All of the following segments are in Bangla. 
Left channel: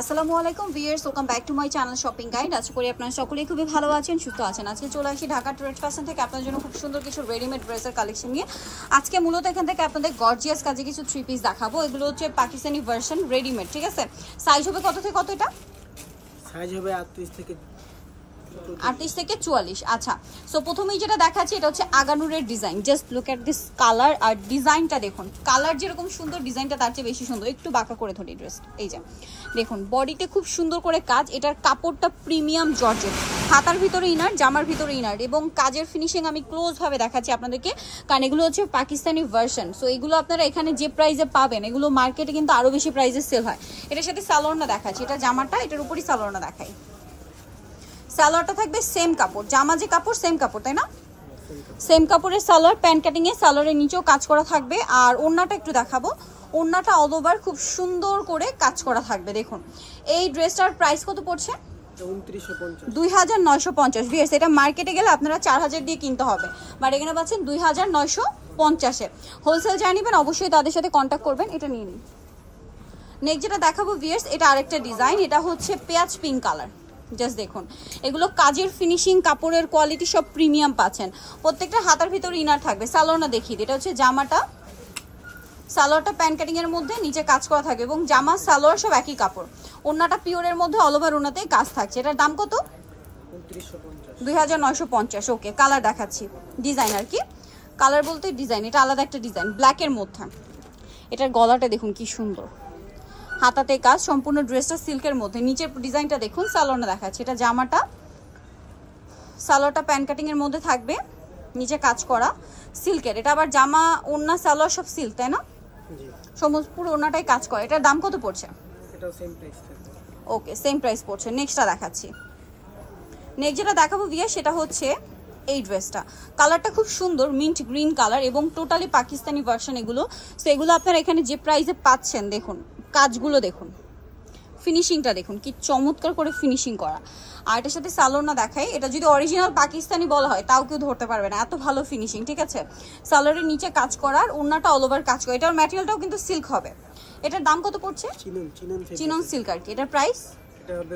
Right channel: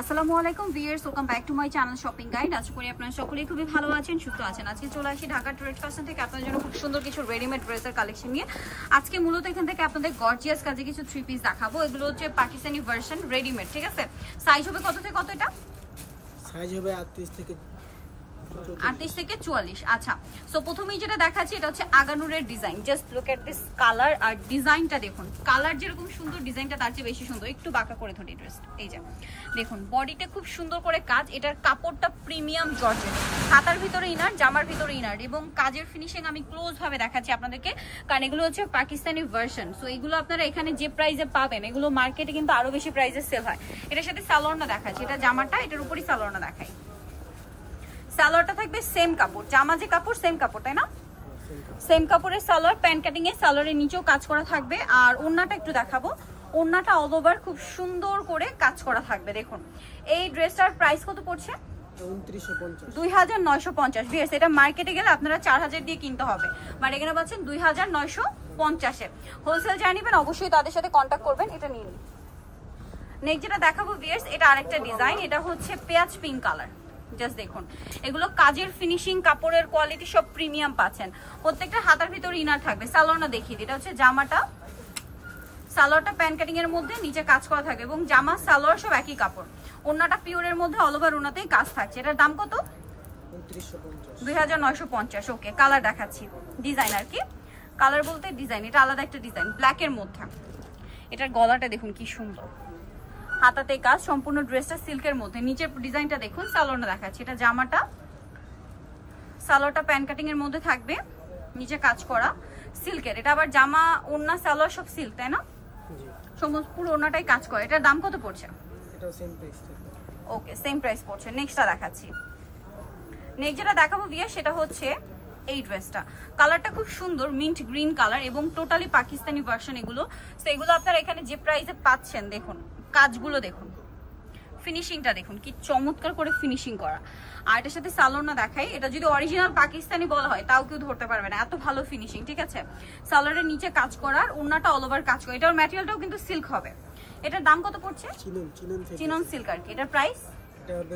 আসসালামু আলাইকুম viewers, welcome back to my channel shopping guide. আশা করি আপনারা সকলেই খুবই ভালো আছেন, সুস্থ আছেন। আজকে চলে আসি ঢাকা ট্রেড ফ্যাশন থেকে আপনাদের জন্য খুব সুন্দর কিছু রেডিমেড ড্রেসের কালেকশন নিয়ে। আজকে মূলত এখান থেকে আপনাদের গর্জিয়াস কাজে কিছু থ্রি পিস দেখাবো। এগুলো হচ্ছে পাকিস্তানি ভার্সন রেডিমেড, ঠিক আছে? সাইজ হবে কত থেকে কত? এটা সাইজ হবে 38 থেকে 44। আচ্ছা, সো প্রথমেই যেটা দেখাচ্ছি এটা হচ্ছে আগানুরের design. Just look at this colour আর ডিজাইনটা দেখুন। কালার যেরকম সুন্দর, ডিজাইনটা তার চেয়ে বেশি সুন্দর। একটু বাঁকা করে ধরি ড্রেস, এই যে দেখুন বডিতে খুব সুন্দর করে কাজ। এটার কাপড়টা প্রিমিয়াম জর্জেট, হাতার ভিতরে ইনার, জামার ভিতরে ইনার, এবং কাজের ফিনিশিং আমি ক্লোজ ভাবে দেখাচ্ছি আপনাদেরকে, কারণ এগুলো হচ্ছে পাকিস্তানি ভার্সন। সো এগুলো আপনারা এখানে যে প্রাইসে পাবেন, এগুলো মার্কেটে কিন্তু আরো বেশি প্রাইসে সেল হয়। এটার সাথে সালোয়ারটা দেখাচ্ছি, এটা জামাটা, এটার উপরই সালোয়ারটা দেখাই। সালোয়ারটা থাকবে সেম কাপড়, জামা যে কাপড় সেম কাপড়, তাই না? সেম কাপড়ের সালোয়ার, প্যান্ট কাটিং এ সালোয়ারের নিচেও কাজ করা থাকবে। আর ওড়নাটা একটু দেখাবো, ওড়নাটা অল ওভার খুব সুন্দর করে কাজ করা থাকবে। দেখুন এই ড্রেসটার প্রাইস কত পড়ছে? 2950 ভিউয়ার্স। এটা মার্কেটে গেলে আপনারা 4000 দিয়ে কিনতে হবে, বাট এখানে পাচ্ছেন 2950 এ। হোলসেল যারা নেবেন অবশ্যই তাদের সাথে কন্ট্যাক্ট করবেন। এটা নিয়ে নিন। নেক্সট যেটা দেখাবো ভিউয়ার্স, এটা আরেকটা ডিজাইন। এটা হচ্ছে পেঁয়াজ পিঙ্ক কালার। জাস্ট দেখুন এগুলো কাজের ফিনিশিং, কাপড়ের কোয়ালিটি সব প্রিমিয়াম পাচ্ছেন। প্রত্যেকটা হাতার ভিতরে ইনার থাকবে। সালোয়ারটা দেখিয়ে দিই, এটা হচ্ছে জামাটা, সালোয়ারটা প্যান্ট কাটিং এর মধ্যে নিচে কাজ করা থাকে, এবং জামা সালোয়ার সব একই কাপড়। ওন্নাটা পিওরের মধ্যে অল ওভার ওন্নাতেই কাজ থাকছে। এটার দাম কত? 2950। ওকে, কালার দেখাচ্ছি। ডিজাইনার কি কালার বলতে ডিজাইন, এটা আলাদা একটা ডিজাইন ব্ল্যাকের মধ্যে। এটার গলাটা দেখুন কি সুন্দর, হাতাতে কাজ, সম্পূর্ণ ড্রেসটা সিল্কের মধ্যে। নিচের ডিজাইনটা দেখুন, সালোয়ারটা দেখাচ্ছি। এটা জামাটা, সালোয়ারটা প্যান্ট কাটিং এর মধ্যে থাকবে, নিচে কাজ করা সিল্কের। এটা আবার জামা, ওড়না, সালোয়ার সব সিল্ক, তাই না? জি, সমস্ত পুরো ওড়নাটাই কাজ করে। এটার দাম কত পড়ছে? এটাও সেম প্রাইস থাকবে। ওকে, সেম প্রাইস পড়ছে। নেক্সটটা দেখাচ্ছি। নেক্সট যেটা দেখাবো ভিয়া, সেটা হচ্ছে এই ড্রেসটা। কালারটা খুব সুন্দর, মিন্ট গ্রিন কালার, এবং টোটালি পাকিস্তানি ভার্সন এগুলো। সো এগুলো আপনারা এখানে যে প্রাইসে পাচ্ছেন, দেখুন কাজগুলো দেখুন, ফিনিশিংটা দেখুন কি চমৎকার করে ফিনিশিং করা। আর এটার সাথে সালোয়ারটা দেখাই, এটা যদি অরিজিনাল পাকিস্তানি বলা হয় তাও কেউ ধরতে পারবে না, এত ভালো ফিনিশিং, ঠিক আছে? সালোয়ারের নিচে কাজ করার, ওড়নাটা অল ওভার কাজ করা। এটার ম্যাটেরিয়ালটাও কিন্তু সিল্ক হবে। এটার দাম কত পড়ছে? চিনন সিল্ক আর কি। এটার প্রাইস এটা হবে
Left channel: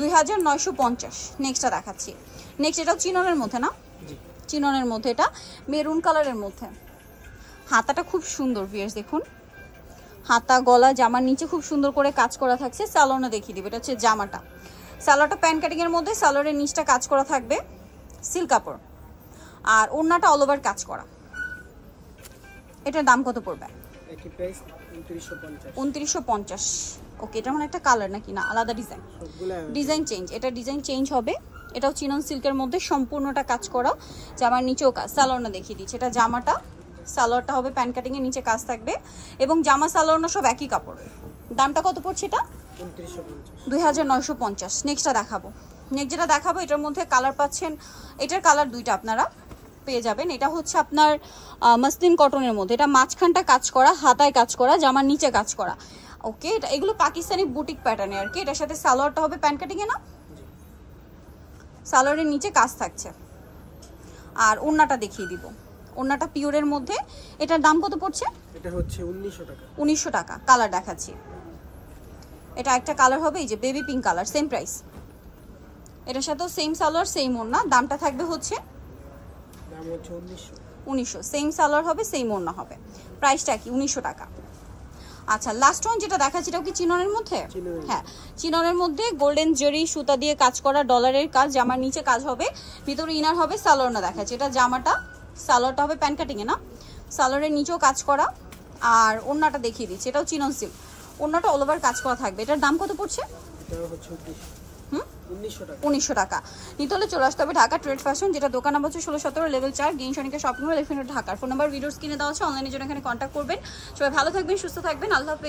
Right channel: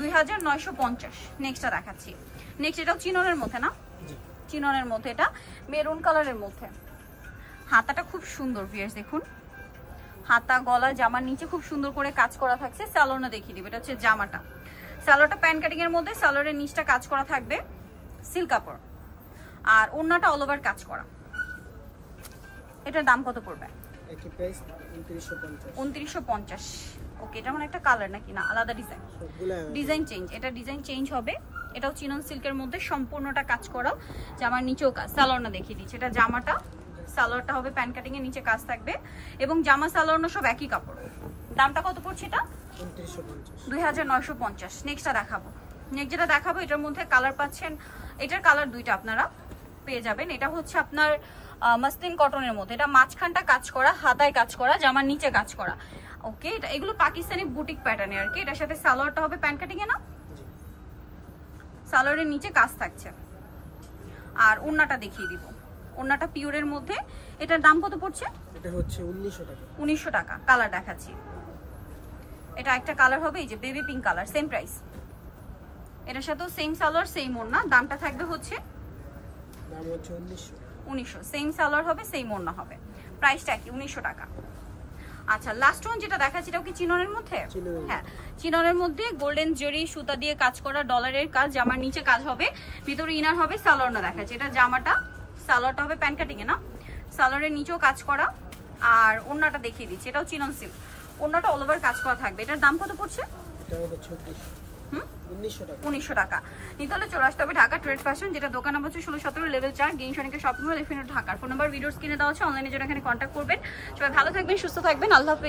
2950। নেক্সটটা দেখাচ্ছি। নেক্সট এটাও চিননের মধ্যে, না? জি, চিননের মধ্যে, এটা মেরুন কালারের মধ্যে। হাতাটা খুব সুন্দর ভিউয়ার্স, দেখুন হাতা, গলা, জামার নিচে খুব সুন্দর করে কাজ করা থাকছে। সালোয়ারটা দেখিয়ে দিবে, এটা হচ্ছে জামাটা, সালোয়ারটা প্যান্ট কাটিং এর মধ্যে, সালোয়ারের নিচটা কাজ করা থাকবে সিল্ক কাপড়, আর ওড়নাটা অল ওভার কাজ করা। এটার দাম কত পড়বে? একই প্রাইস 2950। 2950। ওকে, এটা মানে একটা কালার নাকি না আলাদা ডিজাইন? সবগুলা ডিজাইন চেঞ্জ, এটা ডিজাইন চেঞ্জ হবে। এটাও চিনন সিল্কের মধ্যে সম্পূর্ণটা কাজ করা, জামার নিচেও কাজ। সালোয়ারটা দেখিয়ে দিচ্ছি, এটা জামাটা, সালোয়ারটা হবে প্যান্ট কাটিং এর নিচে কাজ থাকবে, এবং জামা সালোয়ারটা সব একই কাপড়। দামটা কত পড়ছে এটা? 2950। নেক্সটটা দেখাবো। নেক্সট যেটা দেখাবো, এটার মধ্যে কালার পাচ্ছেন, এটার কালার দুইটা আপনারা পেয়ে যাবেন। এটা হচ্ছে আপনার মসলিন কটনের মধ্যে, এটা মাঝখানটা কাজ করা, হাতায় কাজ করা, জামার নিচে কাজ করা। ওকে, এটা এগুলো পাকিস্তানি বুটিক প্যাটার্নে আর কি। এটার সাথে সালোয়ারটা হবে প্যান্ট কাটিং এ, না? সালোয়ারের নিচে কাজ থাকছে। আর ওড়নাটা দেখিয়ে দিব, ওড়নাটা পিওরের মধ্যে। এটার দাম কত পড়ছে? এটা হচ্ছে 1900 টাকা। 1900 টাকা। কালার দেখাচ্ছি, এটা একটা কালার হবে, এই যে baby pink colour, same price. এটার সাথেও সেম সালোয়ার, সেম ওড়না। দামটা থাকবে হচ্ছে দাম হচ্ছে 1900। সেম সালোয়ার হবে, সেম ওড়না হবে। প্রাইসটা কি? 1900 টাকা। আচ্ছা, লাস্ট ওয়ান যেটা দেখাচ্ছি, এটাও কি চিননের মধ্যে? হ্যাঁ, চিননের মধ্যে গোল্ডেন জেরি সুতা দিয়ে কাজ করা, ডলারের কাজ, জামার নিচে কাজ হবে, ভিতরে ইনার হবে। সালোয়ারটা দেখাচ্ছি, এটা জামাটা, সালোয়ারটা হবে প্যান্ট কাটিং এ, না? সালোয়ারের নিচেও কাজ করা। আর ওড়নাটা দেখিয়ে দিচ্ছি, এটাও চিনন সিল্ক, ওড়নাটা অল ওভার কাজ করা থাকবে। এটার দাম কত পড়ছে? এটা হচ্ছে 1900 টাকা। 1900 টাকা। নিতে হলে চলে আসতে হবে ঢাকা ট্রেড ফ্যাশন, যেটা দোকান নাম্বার হচ্ছে 1617 লেভেল 4, গ্রিন সনিকের শপিং মল, ঢাকার। ফোন নাম্বার ভিডিওর স্ক্রিনে দেওয়া আছে, অনলাইনে জন্য এখানে কন্ট্যাক্ট করবেন। সবাই ভালো থাকবেন, সুস্থ থাকবেন, আল্লাহ হাফেজ।